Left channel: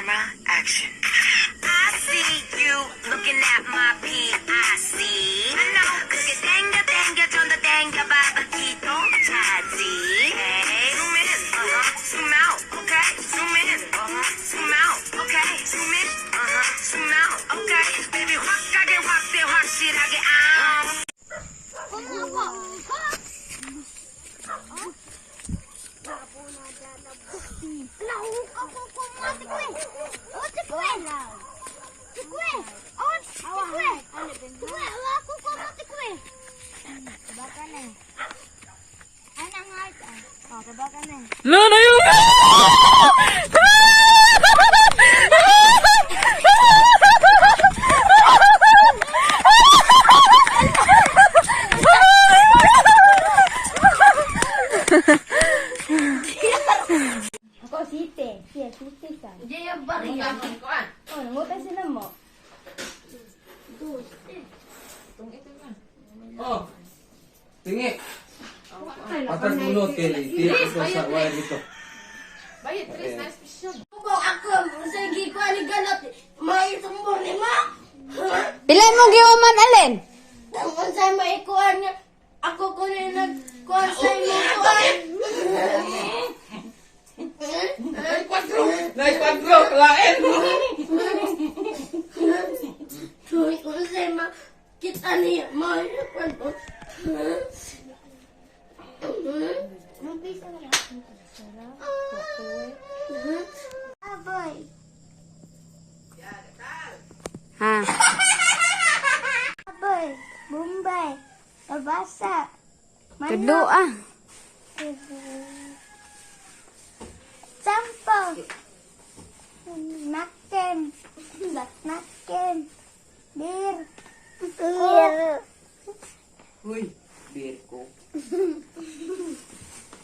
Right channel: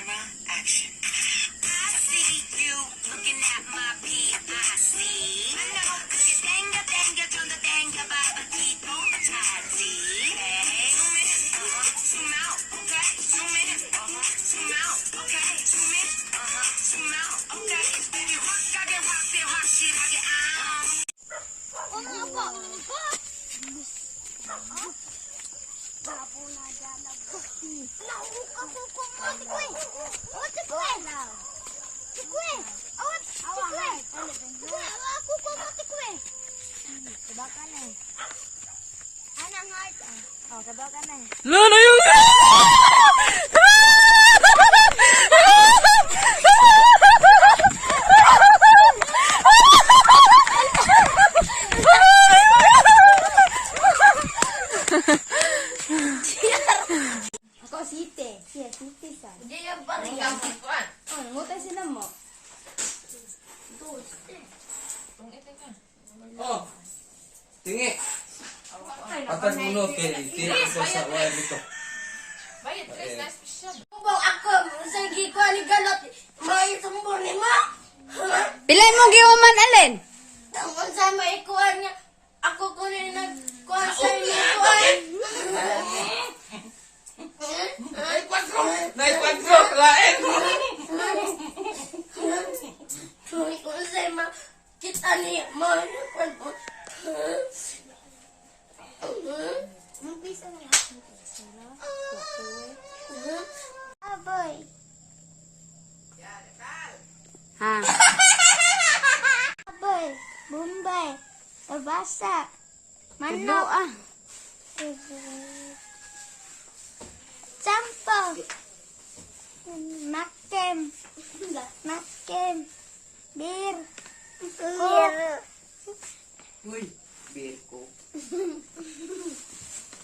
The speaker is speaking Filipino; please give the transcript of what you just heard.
camera, action. I see you looking at my PIC. No, 그게 땡겨 좀더 땡겨봐 바퀴도 차지. Hey, zoom in, zoom out, okay. Zoom in, zoom out, okay. Zoom in, zoom out, okay. Baby 확하게 확대 확실하게 Lana yung... Kau site, site sa. Dia yang baru kan? Ngutang sila mo. Oh, tingi. 4 minuto tira ko sa wire dito. Bayad, please, nice vision. Kumpong ako, sige ko ni galot. May sumbong lima. Pilay mo giuman alin? Kung saan maikuhan niya, ako ko na nagkuhan sa inyo kuhan. Nay 4 kalain. Kung saan makita niya, may kwento. Aboy. Ha. Aboy. Bombay. Tabasa. Tulo ah. Sampog. Makem. Makem. Bir. Coke. Uy,